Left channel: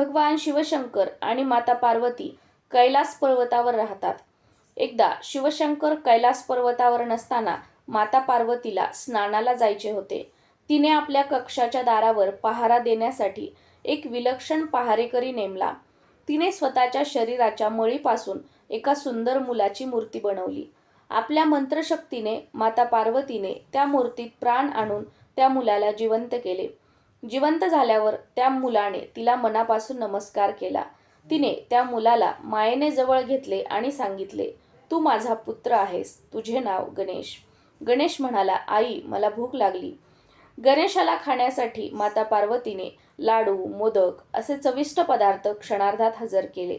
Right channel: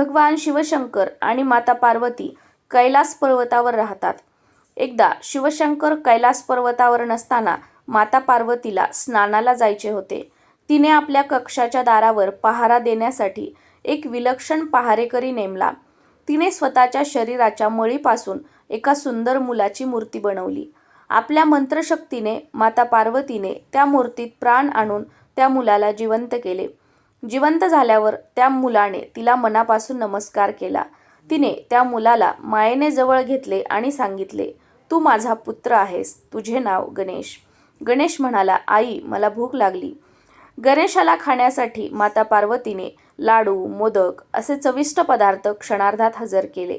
भगवान शिवशंकर आणि माता पार्वती कैलास पर्वतावर राहतात. एकदा शिवशंकर कैलास पर्वतावर नसताना माता पार्वतीला स्नानाला जायचे होते. तिने आपल्या कक्षाच्या दारावर पहारा देण्यासाठी एक विलक्षण पहारेकरी नेमला. तिने स्वतःच्या शरीराच्या मळीपासून एका सुंदर मुलाची मूर्ती बनवली. आपल्या मंत्रशक्तीने माता पार्वतीने त्या मूर्तीत प्राण आणून त्या मुलाला जिवंत केले. जिवंत झाल्यावर त्या मुलाने तिला मनापासून नमस्कार केला. तिने त्या मुलाला मायेने जवळ घेतले आणि सांगितले तू माझा पुत्र आहेस. तुझे नाव गणेश. गणेश म्हणाला आई मला भूक लागली. गणेशाला खाण्यासाठी माता पार्वतीने लाडू मोदक असे चविष्ट पदार्थ क्षणार्धात हजर केले.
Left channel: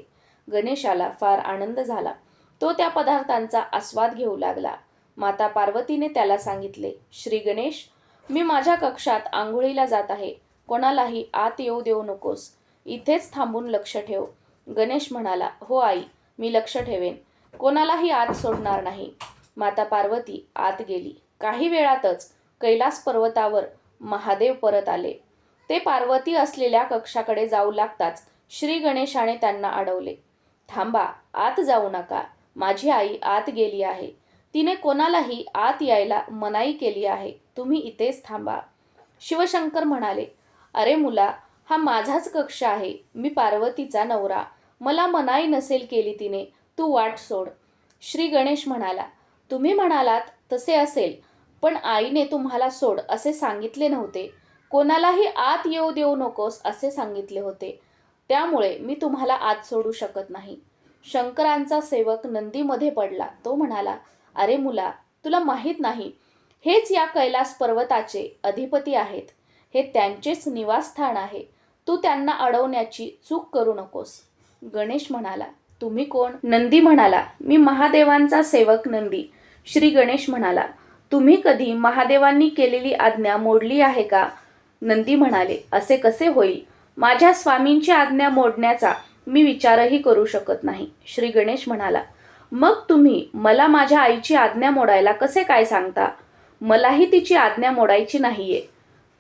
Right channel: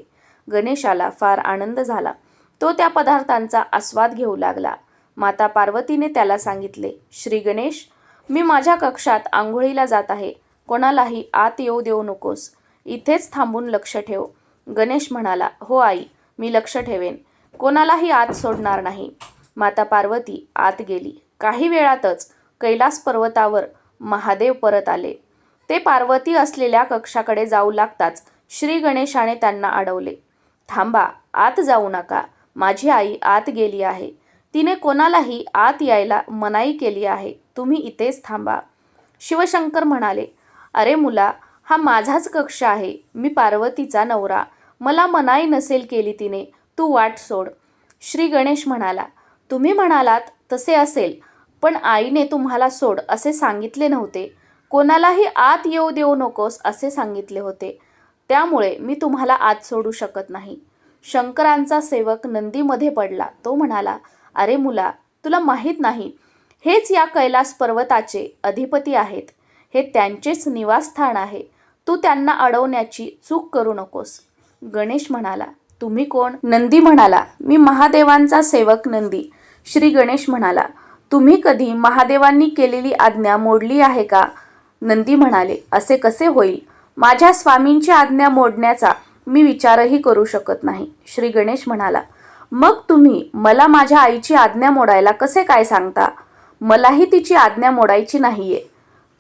गणेशाला फार आनंद झाला. तो त्या पदार्थांचा आस्वाद घेऊ लागला. माता पार्वतीने त्याला सांगितले श्री गणेश मी माझ्या कक्षात आंघोळीला जात आहे. कोणालाही आत येऊ देऊ नकोस. इथेच थांबून लक्ष ठेव. गणेश म्हणाला हो आई मी लक्ष ठेवेन. कोणालाही आत सोडणार नाही. माता पार्वती आत गेली. काही वेळातच कैलास पर्वतावर महादेव परत आले. ते पार्वती असलेल्या कक्षाकडे जाऊ लागताच श्री गणेशाने त्यांना अडवले. थांबा आत जाऊ नका. माझी आई आत गेली आहे. तिने कोणालाही आत यायला मनाई केली आहे. तुम्ही इथेच थांबा. शिवशंकर म्हणाले अरे मुला हा माझाच कक्ष आहे. मी पार्वतीचा नवरा. मला मनाई नसेल केली तिने. तू वाट सोड. श्री गणेश म्हणाला तुम्ही म्हणालात तसे असेल पण आईने तुम्हाला सोड असे सांगितले नव्हते. कोणालाही आत येऊ देऊ नकोस असे सांगितले होते. त्यामुळे मी तुम्हाला आत सोडू शकत नाही. शंकरांचा सेवक नंदीमध्ये पडला. तो म्हणाला अरे मुला तुला माहीत नाही हेच या कैलास पर्वताचे अधिपती आहेत. हे त्यांचेच निवासस्थान आहे. तू त्यांना अडवण्याची चूक करू नकोस. गणेश म्हणाला तुम्ही कोण? नंदी म्हणाला मी महादेवांचा सेवक नंदी. श्री गणेश म्हणाला तुम्ही कधी महादेवांनी केलेली आज्ञा मोडली आहे का? नंदी म्हणाले असे कसे होईल? माझ्या स्वामींची आज्ञा मोडण्याचा मी विचारही करू शकत नाही. श्री गणेश म्हणाला मग तुम्ही मला माझ्या आईची आज्ञा मोडायला कसे काय सांगता? मलाही तिची आज्ञा मोडायची नाहीये.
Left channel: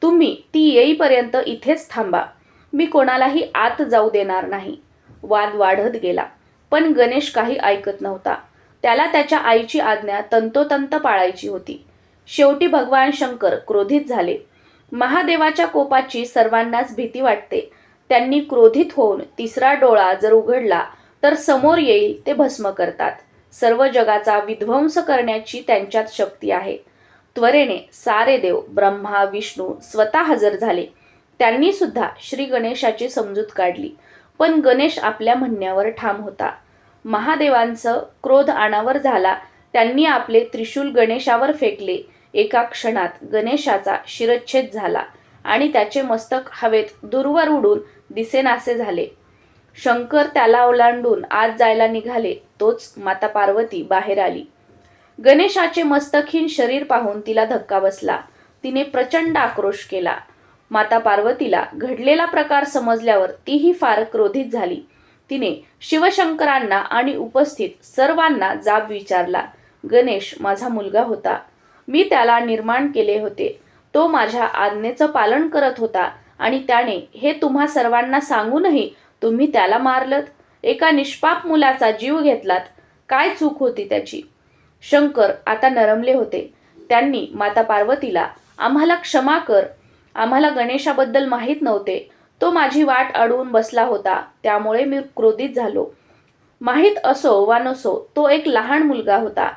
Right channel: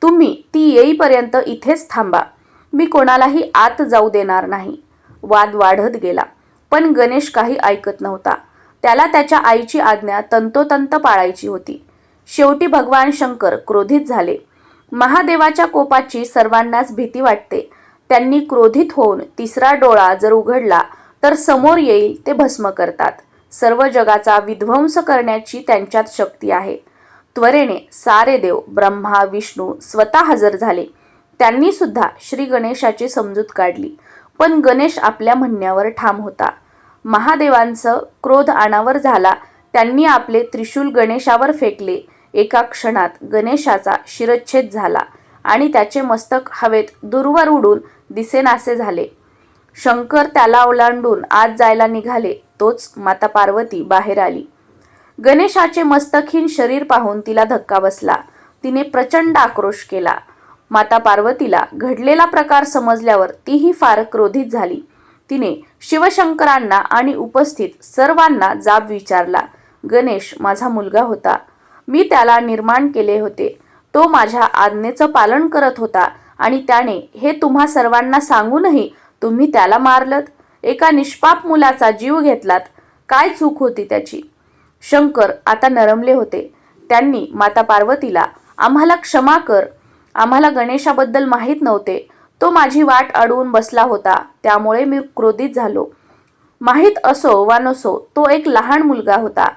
तुम्ही ती येईपर्यंत इथेच थांबा. मी कोणालाही आत जाऊ देणार नाही. वाद वाढत गेला. पण गणेश काही ऐकत नव्हता. त्याला त्याच्या आईची आज्ञा तंतोतंत पाळायची होती. शेवटी भगवान शंकर क्रोधित झाले. महादेवाच्या कोपाची सर्वांनाच भीती वाटते. त्यांनी क्रोधित होऊन तिसरा डोळा जर उघडला तर समोर येईल ते भस्म करतात. सर्व जगाचा विध्वंस करण्याची त्यांच्यात शक्ती आहे. त्वरेने सारे देव ब्रह्मा विष्णू स्वतः हजर झाले. त्यांनी सुद्धा श्री गणेशाची समजूत काढली. पण गणेश आपल्या म्हणण्यावर ठाम होता. महादेवांचं क्रोध आणावर झाला. त्यांनी आपले त्रिशूल गणेशावर फेकले. एका क्षणात गणेशाचा शिरच्छेद झाला आणि त्याचे मस्तक हवेत दूरवर उडून दिसेनासे झाले. शंकर त्याला ओलांडून आत जायला निघाले. तोच माता पार्वती बाहेर आली. गणेशाचे मस्तकहीन शरीर पाहून तिला धक्का बसला. तिने प्रचंड आक्रोश केला. माता पार्वतीला घडलेला प्रकार समजल्यावर तीही फार क्रोधित झाली. तिने शिवशंकरांना आणि उपस्थित सर्वांना जाब विचारला गणेश माझा मुलगा होता. मी त्याला निर्माण केले होते. तो माझ्या आज्ञेचं पालन करत होता आणि त्याने हे तुम्हा सर्वांना सांगूनही तुम्ही त्याला मारलत? एका निष्पाप मुलाचा जीव घेतलात. काय चूक होती त्याची? शंकर आता नरमले होते. त्यांनी माता पार्वतीला आम्हाला क्षमा कर. आम्हाला गणेशाबद्दल माहीत नव्हते. तो माझी वाट अडवून बसला होता. त्यामुळे मी क्रोधित झालो. माहीत असो वा नसो तो एक लहान मुलगा होता.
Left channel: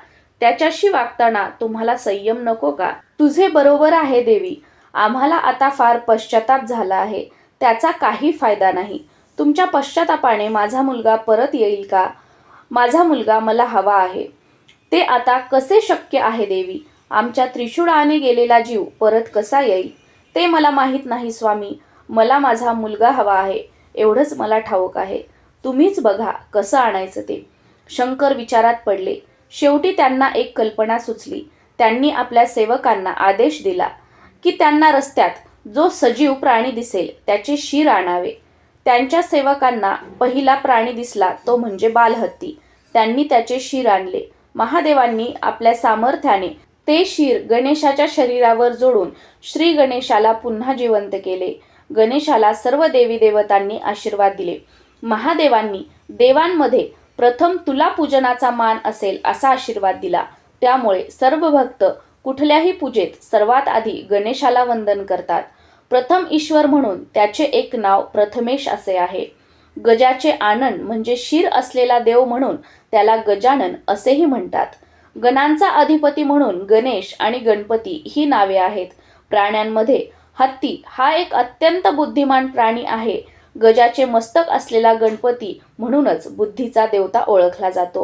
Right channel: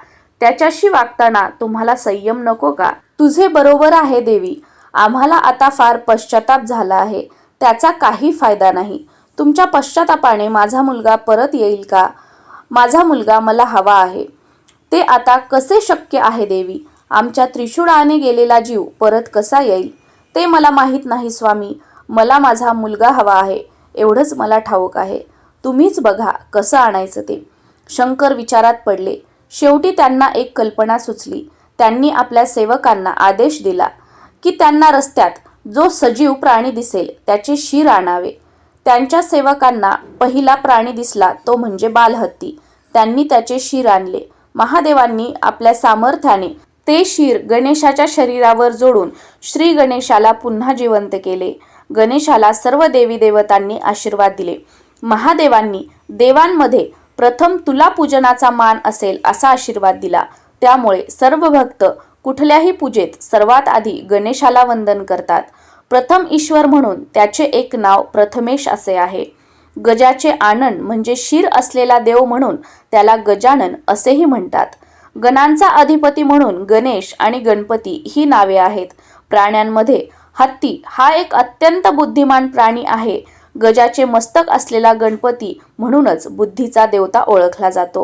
त्याच्याशी वागताना तुम्हाला संयम नको का? तुझे बरोबर आहे देवी. आम्हाला आता फार पश्चाताप झाला आहे. त्याचा काही फायदा नाही. तुमच्या पश्चातापाने माझा मुलगा परत येईल का? माझा मुलगा मला हवा आहे. ते आता कसे शक्य आहे देवी? आमच्या त्रिशूळाने गेलेला जीव परत कसा येईल? ते मला माहीत नाही स्वामी. मला माझा मुलगा हवा आहे. एवढंच मला ठाऊक आहे. तुम्हीच बघा कसं आणायचं ते. शंकर विचारात पडले. शेवटी त्यांना एक कल्पना सुचली. त्यांनी आपल्या सेवकांना आदेश दिला की त्यांना रस्त्यात जो सजीव प्राणी दिसेल त्याचे शिर आणावे. त्यांच्या सेवकांना पहिला प्राणी दिसला तो म्हणजे बालहत्ती. त्यांनी त्याचे शिर आणले. महादेवांनी आपल्या सामर्थ्याने ते शिर गणेशाच्या शरीरावर जोडून श्री गणेशाला पुन्हा जिवंत केले. गणेशाला सर्व देवी देवतांनी आशीर्वाद दिले. महादेवांनी देवांमध्ये प्रथम तुला पूजनाचा मान असेल असा आशीर्वाद दिला. त्यामुळे सर्व भक्त कुठल्याही पूजेत सर्वात आधी गणेशाला वंदन करतात. प्रथम ईश्वर म्हणून त्याचे एक नाव प्रथमेश असे आहे. गजाचे आनंद म्हणजे शिर असलेला देव म्हणून त्याला गजानन असेही म्हणतात. गणांचा अधिपती म्हणून गणेश आणि गणपती ही नावे आहेत. प्राण्यांमध्ये हत्ती हा एक अत्यंत बुद्धिमान प्राणी आहे. गजाचे मस्तक असलेला गणपती म्हणूनच बुद्धीचा देवता ओळखला जातो.